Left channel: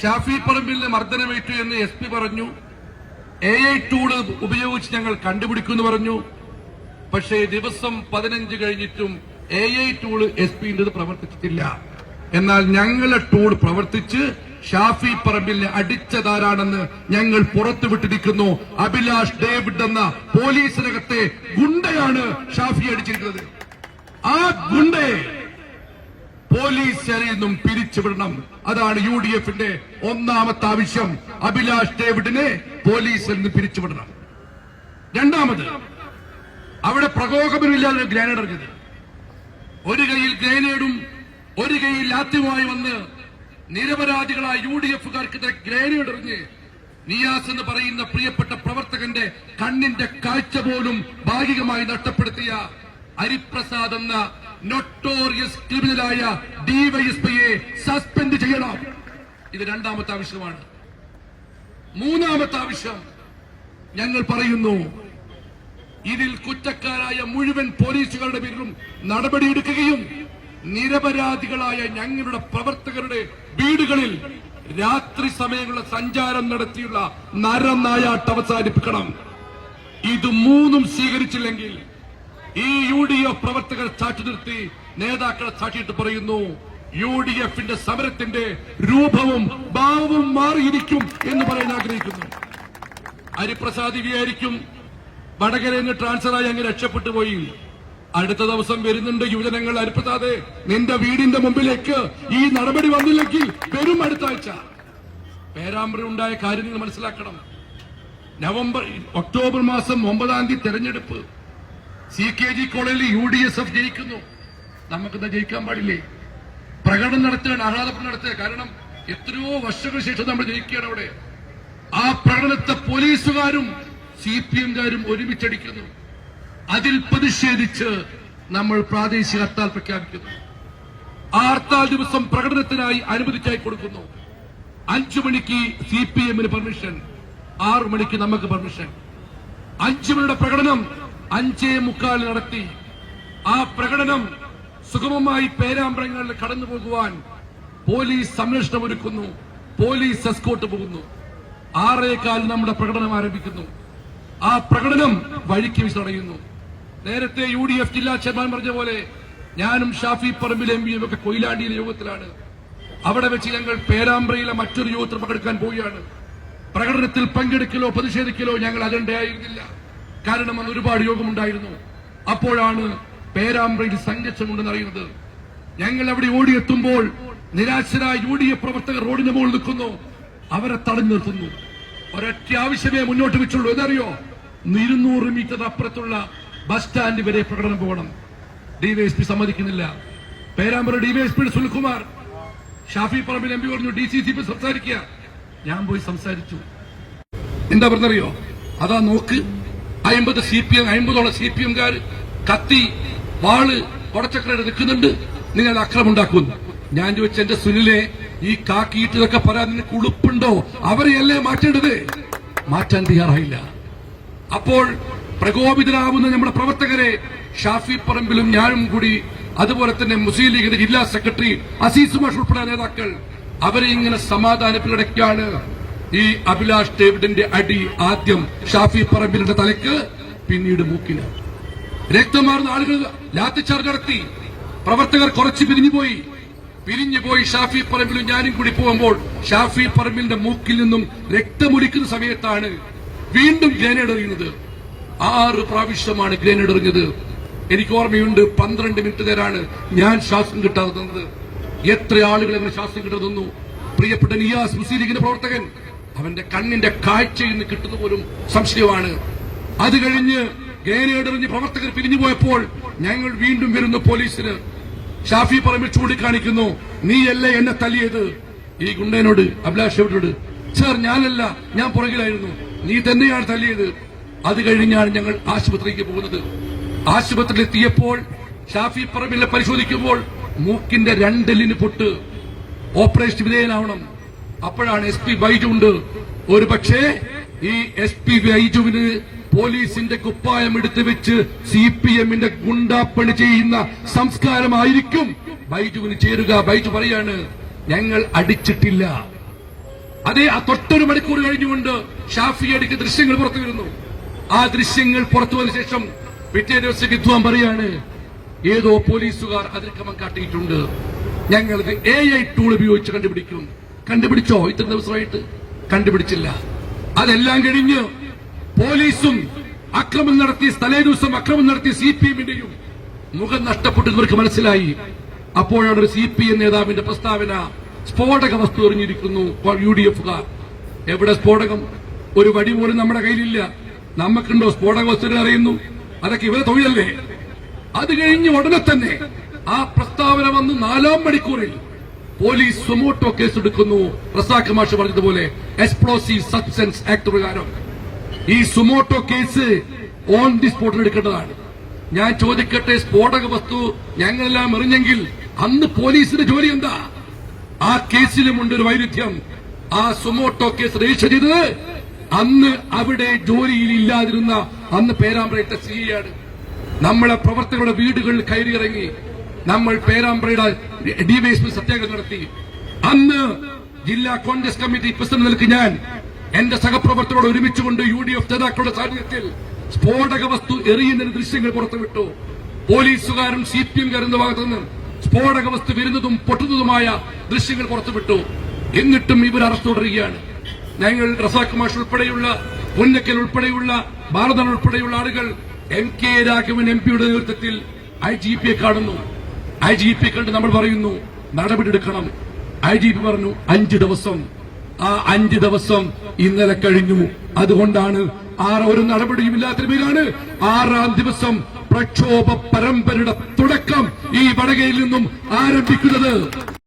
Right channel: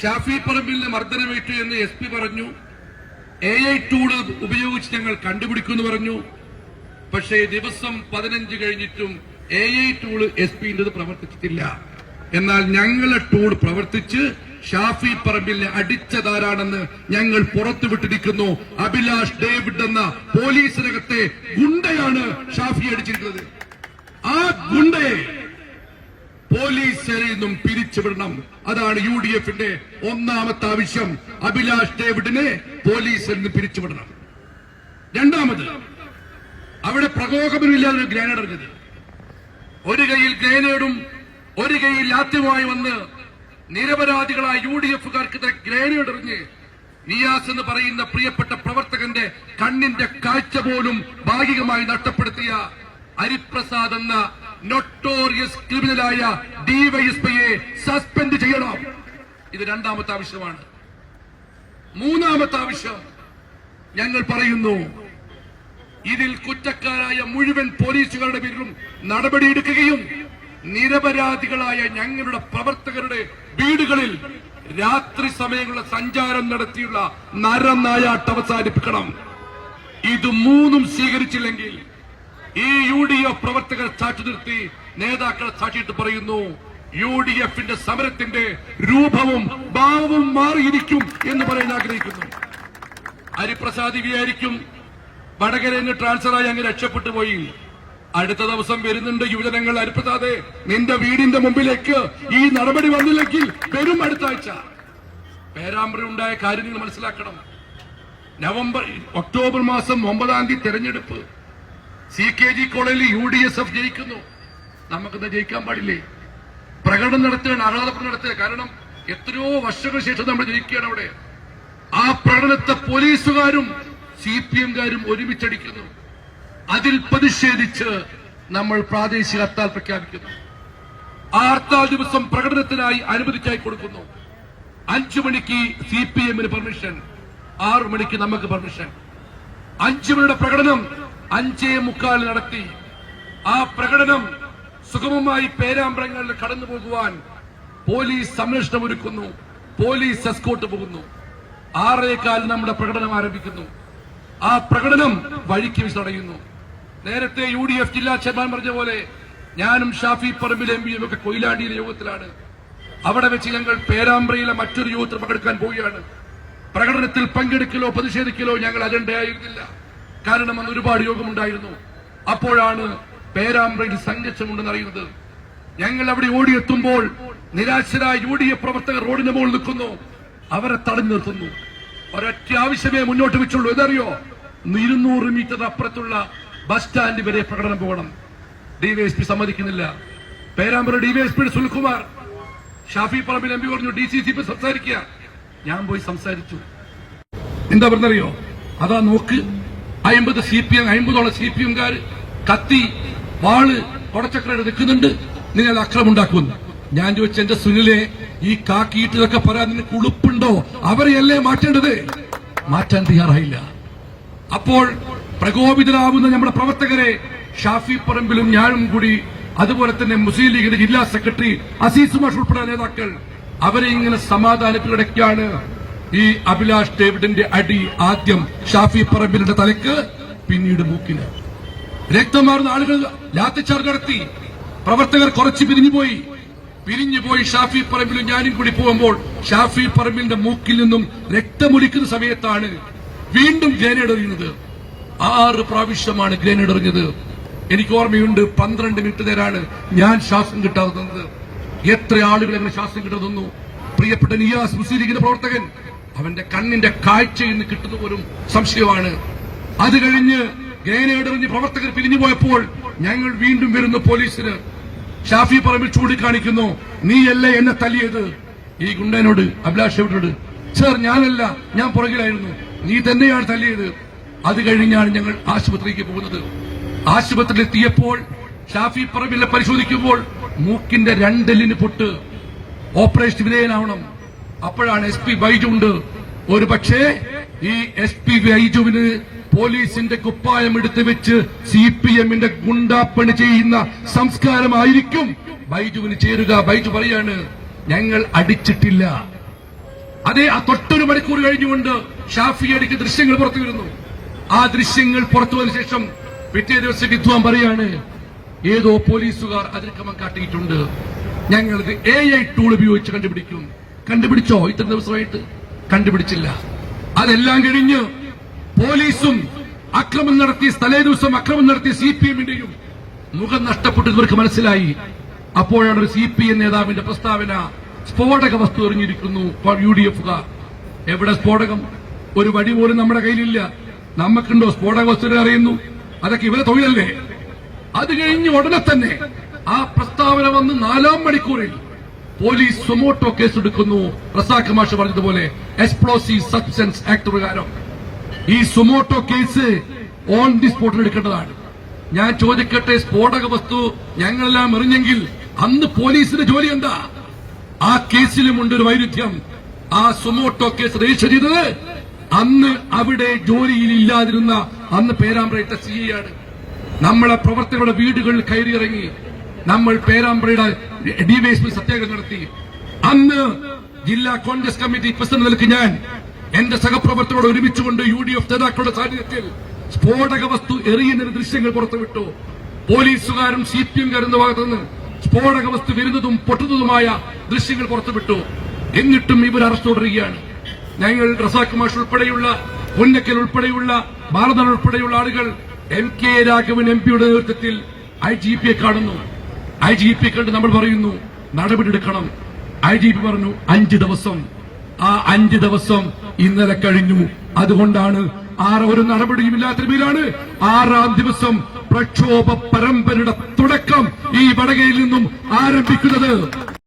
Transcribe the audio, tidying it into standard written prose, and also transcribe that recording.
ഷാഫി പറമ്പിലിന് മർദ്ദനമേറ്റു എന്ന് SP പറഞ്ഞു. AI tool ഉപയോഗിച്ച് ഞങ്ങൾ കണ്ടുപിടിക്കുമെന്ന് പറഞ്ഞു. പക്ഷേ ദിവസം 15 കഴിഞ്ഞിട്ടും AI ടൂള് SP-ന്റേത് പ്രവർത്തിച്ചിട്ടില്ല. എന്നാൽ ഞങ്ങളുടെ ടൂൾ പ്രവർത്തിച്ച് ഷാഫി പറമ്പിലിനെ അടിച്ചതാരാണെന്ന് ഞങ്ങൾ പുറത്തുവിട്ടിരിക്കുന്നു. അഭിലാഷ് ഡേവിഡ് എന്ന പോലീസിനകത്തെ ഗുണ്ടയാണ് ഷാഫി അടിച്ചിരിക്കുന്നത്. ആ ഗുണ്ടയെ പോലീസിൽ നിന്നും പിരിച്ചുവിടണം. അതാണ് UDF-ന്റെ ഒന്നാമത്തെ ആവശ്യം. അഭിലാഷ് ഡേവിഡിനെ പോലീസിൽ നിന്ന് പിരിച്ചുവിടണം. രണ്ടാമത്, അവിടെ പ്രകോപനമില്ലാതെ ഗ്രാനേഡ് എറിഞ്ഞത്. ഒരു കൈയിൽ ഗ്രാനേഡും ഒരു കൈയിൽ ലാത്തിയുമായി വന്ന് നിരപരാധികളായ UDF-കാർക്ക് ഗ്രാനേഡ് എറിഞ്ഞ് നിയാസ് എന്ന് പറയുന്ന പ്രിയപ്പെട്ട പ്രവർത്തകന്റെ കണ്ണിന്റെ കാഴ്ച പോലും ഭാഗികമായി നഷ്ടപ്പെടുത്തിയ ഹരിപ്രസാദ് എന്ന നൊട്ടോറിയസ് ക്രിമിനലായ DYSP-യെ സസ്പെൻഡ് ചെയ്യണം. ഇത് രണ്ടാമത്തെ ആവശ്യമാണ്. മൂന്നാമത്തെ ആവശ്യം ഞങ്ങൾ പറയുന്നു, ഇതിൽ കുറ്റക്കാരായ മുഴുവൻ പോലീസുകാരുടെ പേരിലും നടപടിയെടുക്കുകയും നിരപരാധികളായ ഞങ്ങളുടെ പ്രവർത്തകരുടെ വീടുകളിൽ രാത്രി സമയങ്ങളിൽ സഞ്ചാരം നടത്തിയുള്ള നരനായാട്ട് അവസാനിപ്പിക്കണം. ഇത് മൂന്നും സ്വീകരിച്ചില്ലെങ്കിൽ ഈ UDF പ്രവർത്തകർ സാക്ഷി നിർത്തി നേതാക്കളെ സാക്ഷിയിട്ട് പറയുന്നു, UDF-ന്റെ സമരത്തിന്റെ രൂപവും ഭാവവും മാറിയിരിക്കും എന്ന് പറയാൻ ആഗ്രഹിക്കുന്നു. ഹരിപ്രസാദ് വിചാരിക്കും വടകരയിൽ നിന്ന് ട്രാൻസ്ഫറായി അങ്ങ് രക്ഷപ്പെട്ടു പോയി. അടുത്ത ദിവസം വരുന്നുണ്ട് യുവജനങ്ങൾ, ഹരിപ്രസാദ് നിന്റെ വീടിന്റെ മുമ്പിലേക്ക് ഈ നടപടി വന്നില്ലെങ്കിൽ വരും അടുത്ത ആഴ്ച. പേരാമ്പ്ര ഉണ്ടായ കാര്യം നിങ്ങൾ മനസ്സിലാക്കണം. ഒക്ടോബർ മാസം 9-ാം തീയതി തെരഞ്ഞെടുപ്പ്. CKG കോളേജിൽ UDSF ജയിക്കുന്നു. നമുക്കെന്താ ജയിക്കാൻ പാടില്ലേ? പ്രകടനം നടത്തുകയാണ്, ആഹ്ലാദപ്രകടനം നടത്തുക. കാരണം എത്രയോ വർഷങ്ങൾക്ക് ശേഷം നമ്മൾ ജയിക്കുകയാണ് അവിടെ. ആ പ്രകടനത്തെ പോലീസുകാരും CPM-കാരും ഒരുമിച്ചടിക്കുന്നു. അതിൽ പ്രതിഷേധിച്ച് നമ്മൾ പ്രാദേശിക ഹർത്താൽ പ്രഖ്യാപിക്കുന്നു. ആ ഹർത്താൽ ദിവസം പ്രകടനത്തിനായി അനുമതിക്കായി കൊടുക്കുന്നു. 5 മണിക്ക് CPM-ന് പെർമിഷൻ, 6 മണിക്ക് നമുക്ക് പെർമിഷൻ. 5 മണിയുടെ പ്രകടനം 5:45 നടത്തി. ആ പ്രകടനം സുഗമമായി പേരാമ്പ്രങ്ങളിൽ കടന്നു പോകുവാൻ പോലീസ് സംരക്ഷണം ഒരുക്കുന്നു, പോലീസ് എസ്കോർട്ട് പോകുന്നു. 6:15 നമ്മുടെ പ്രകടനം ആരംഭിക്കുന്നു. ആ പ്രകടനം വഴിക്ക് വെച്ച് തടയുന്നു. നേരത്തെ UDF ജില്ലാ ചെയർമാൻ പറഞ്ഞ പോലെ ഞാനും ഷാഫി പറമ്പിൽ MPയും ഒക്കെ കൊയിലാണ്ടിയിലെ യോഗത്തിലാണ്. അവിടെ വെച്ച് ഞങ്ങൾ പേരാമ്പ്രയിലെ മറ്റൊരു യോഗത്തിൽ പങ്കെടുക്കാൻ പോവുകയാണ്. പ്രകടനത്തിൽ പങ്കെടുക്കലോ പ്രതിഷേധിക്കലോ ഞങ്ങൾ അജണ്ടയായിരുന്നില്ല. കാരണം അന്ന് ഒരുപാട് യോഗമുണ്ടായിരുന്നു. അപ്പോഴാണ് പേരാമ്പ്രയിൽ സംഘർഷമുണ്ടെന്ന് അറിയുന്നത്. ഞങ്ങൾ അവിടെ ഓടിയെത്തുമ്പോൾ നിരാശരായ UDF പ്രവർത്തകർ റോഡിന് മുകളിൽ നിൽക്കുന്നു. അവരെ തടഞ്ഞു നിർത്തുന്നു. ഒരൊറ്റ ആവശ്യമേ മുന്നോട്ട് വെച്ചുള്ളൂ. എന്തറിയോ? 200 മീറ്റർ അപ്പുറത്തുള്ള ബസ് സ്റ്റാൻഡ് വരെ പ്രകടനം പോകണം. DYSP സമ്മതിക്കുന്നില്ല. പേരാമ്പ്ര DYSP സുനിൽകുമാർ ഷാഫി പറമ്പിൽ MP പറഞ്ഞു DCC സംസാരിക്കുക. ഞാൻ പോയി സംസാരിച്ചു. എന്താ പറഞ്ഞറിയോ? അതാ നോക്ക്, 50 CPM-കാർ കത്തി വാള് കൊടച്ചക്ര നിൽക്കുന്നുണ്ട്, നിങ്ങൾ അക്രമം ഉണ്ടാക്കുമെന്ന്. ഞാൻ ചോദിച്ചു, എന്റെ സുനിലെ ഈ കാക്കിയിട്ടതൊക്കെ പറയാൻ നിനക്ക് ഉളുപ്പുണ്ടോ? അവരെയല്ലേ മാറ്റേണ്ടത്? മാറ്റാൻ തയ്യാറായില്ല. അപ്പോൾ പ്രകോപിതരാകുന്ന നമ്മുടെ പ്രവർത്തകരെ ഷാഫി പറമ്പിലും ഞാനും കൂടി, അതുപോലെ തന്നെ മുസ്ലിം ലീഗിന്റെ ജില്ലാ സെക്രട്ടറി അസീസ് മാഷ് ഉൾപ്പെടെ നേതാക്കൾ, അവരെ ഇങ്ങനെ സമാധാനത്തിലിടയ്ക്കാണ് ഈ അഭിലാഷ് ഡേവിഡിന്റെ അടി ആദ്യം ഷാഫി പറമ്പിലിന്റെ തലയ്ക്ക്, പിന്നീട് മൂക്കിന്. രക്തമാർന്ന ആളുകൾ ലാത്തിച്ചാർജ് നടത്തി. പ്രവർത്തകർ കുറച്ച് പിരിഞ്ഞുപോയി. ഷാഫി പറമ്പിലും ഞാനും കൂടി പോകുമ്പോൾ ഷാഫി പറമ്പിലിന്റെ മൂക്കിൽ നിന്നും രക്തമൊലിക്കുന്ന സമയത്താണ് വീണ്ടും ഗ്രനേഡ് എറിയുന്നത്. 6 പ്രാവശ്യമാണ് ഗ്രനേഡ് എറിഞ്ഞത്. എനിക്ക് ഓർമ്മയുണ്ട്, 12 മിനിറ്റ് നേരാണ് ഞാൻ ശ്വാസം കിട്ടാതെ തന്നത്. എത്ര ആളുകൾ എന്നെ ശ്വാസം കിട്ടാതെ തന്നു. പ്രിയപ്പെട്ട നിയാസ് മുസ്ലിം ലീഗിന്റെ പ്രവർത്തകൻ, അവന്റെ കണ്ണിന്റെ കാഴ്ചയിൽ നിന്ന് കിട്ടുന്ന പോലും സംശയമാണ്. അത് കഴിഞ്ഞ് ഗ്രനേഡ് എറിഞ്ഞ് പ്രവർത്തകർ പിരിഞ്ഞുപോയപ്പോൾ ഞങ്ങൾ വീണ്ടും വരുന്ന പോലീസിന് ഷാഫി പറമ്പിൽ ചൂണ്ടിക്കാണിക്കുന്നു, നീയല്ലേ എന്നെ തല്ലിയത്? ഈ ഗുണ്ടനോട്, അഭിലാഷ് ഡേവിഡിനോട്, സർ ഞാനല്ല, ഞാൻ പുറകിലായിരുന്നു, നീ തന്നെയാണ് തല്ലിയത്. അത് കഴിഞ്ഞാണ് ഞങ്ങൾ ആശുപത്രിയിലേക്ക് പോകുന്നത്. ആശുപത്രിയിലെത്തിയപ്പോൾ ഷാഫി പറമ്പിലെ പരിശോധിക്കുമ്പോൾ മൂക്കിന്റെ 2 എല്ലിന് പൊട്ട്, ഓപ്പറേഷൻ വിധേയനാവണം. അപ്പോഴാണ് SP ബൈജു ഉണ്ട്. ഒരു പക്ഷേ ഈ SP ബൈജുവിന് പോലീസിന്റെ കുപ്പായം എടുത്തു വെച്ച് CPM-ന്റെ ഗുണ്ടാപ്പണി ചെയ്യുന്ന സംസ്കാരമായിരിക്കും ബൈജുവിന് ചേരുക. ബൈജു പറയാണ്, ഞങ്ങൾ അടിച്ചിട്ടില്ല, അതേ ആ തൊട്ടൊരു മണിക്കൂർ കഴിഞ്ഞുകൊണ്ട് ഷാഫിയടിക്ക് ദൃശ്യങ്ങൾ പുറത്തു വരുന്നു. ആ ദൃശ്യങ്ങൾ പുറത്തു വന്ന ശേഷം പിറ്റേ ദിവസം വിദ്വാൻ പറയാണ്, ഏതോ പോലീസുകാർ അതിക്രമം കാട്ടിയിട്ടുണ്ട്, ഞങ്ങളിത് AI ടൂൾ ഉപയോഗിച്ച് കണ്ടുപിടിക്കും. കണ്ടുപിടിച്ചോ? ഇത്ര ദിവസമായിട്ട് കണ്ടുപിടിച്ചില്ല. അതെല്ലാം കഴിഞ്ഞ് പോലീസും അക്രമം നടത്തി, തലേ ദിവസം അക്രമം നടത്തിയ CPM-ന്റെയും മുഖം നഷ്ടപ്പെട്ടു ഇവർക്ക് മനസ്സിലായി. അപ്പോഴാണ് ഒരു CPM നേതാവിന്റെ പ്രസ്താവന, സ്ഫോടക വസ്തു എറിഞ്ഞിരിക്കുന്നു UDF-കാർ. എവിടെ സ്ഫോടകം? ഒരു വടി പോലും നമ്മുടെ കയ്യിലില്ല. നമുക്കുണ്ടോ സ്ഫോടക വസ്തു അറിയുന്നു? അതൊക്കെ ഇവരെ തൊഴിലല്ലേ? അത് കഴിഞ്ഞ് ഉടനെ തന്നെ ആ പ്രസ്താവന വന്ന് 4-ാം മണിക്കൂറിൽ പോലീസ് സുമോട്ടോ കേസെടുക്കുന്നു. റസാഖ് മാഷ് പറഞ്ഞതുപോലെ എക്സ്പ്ലോസീവ് സബ്സ്റ്റൻസ് ആക്ട് പ്രകാരം ഈ സുമോട്ടോ കേസ് ഓൺ ദി സ്പോട്ടിൽ എടുക്കേണ്ടതാണ്. ഞാൻ ചോദിക്കട്ടെ, സ്ഫോടക വസ്തു ഞങ്ങളെല്ലാം എറിഞ്ഞെങ്കിൽ അന്ന് പോലീസിന്റെ ജോലി എന്താ? ആ കേസിലുമുണ്ട് ഒരു വൈരുദ്ധ്യം. ആ സുമോട്ടോ കേസ് രജിസ്റ്റർ ചെയ്തത് അന്ന് അവിടെ ജോലിയിലില്ലാതിരുന്ന അന്ന് പേരാമ്പ്രയുടെ CI ആണ്. നമ്മളെ പ്രവർത്തകരുടെ വീടുകളിൽ കയറിയിറങ്ങി നമ്മൾ പേരാമ്പ്രയുടെ DYSP സത്യാഗ്രഹം നടത്തി. അന്ന് ജില്ലാ കോൺഗ്രസ് കമ്മിറ്റി പ്രസിഡന്റ് നിലയ്ക്ക് ഞാൻ എന്റെ സഹപ്രവർത്തകരോട് ഒരുമിച്ചുകൊണ്ട് UDF നേതാക്കളുടെ സാന്നിധ്യത്തിൽ സ്ഫോടക വസ്തു എറിയുന്ന ദൃശ്യങ്ങൾ പുറത്തുവിട്ടു. പോലീസുകാരും CPM-കാരും ഭാഗത്തുനിന്ന് സ്ഫോടക വസ്തു വരുന്നതും പൊട്ടുന്നതുമായ ദൃശ്യങ്ങൾ പുറത്തുവിട്ടു. എന്നിട്ടും ഇവർ അറസ്റ്റ് തുടരുകയാണ്. ഞങ്ങൾ റസാഖ് മാഷ് ഉൾപ്പെടെയുള്ള, പൊന്നക്കൽ ഉൾപ്പെടെയുള്ള, ഭാരതൻ ഉൾപ്പെടെയുള്ള ആളുകൾ MK രാഘവൻ MP-യുടെ നേതൃത്വത്തിൽ IGP-യെ കാണുന്നു. IGP കണ്ട് നമ്മൾ പറയുന്നു നടപടിയെടുക്കണം. IGP പറഞ്ഞു 5 ദിവസം. ആ 5 ദിവസം ഇന്നലെ കഴിഞ്ഞു. അതുകൊണ്ടാണ് ഒരു നടപടിയും ഇല്ലാത്തതിനാണ് 6-ാം ദിവസം പ്രക്ഷോഭ പരമ്പരയുടെ തുടക്കം ഈ വടകയിൽ നിന്നും ആരംഭിക്കുന്നത്.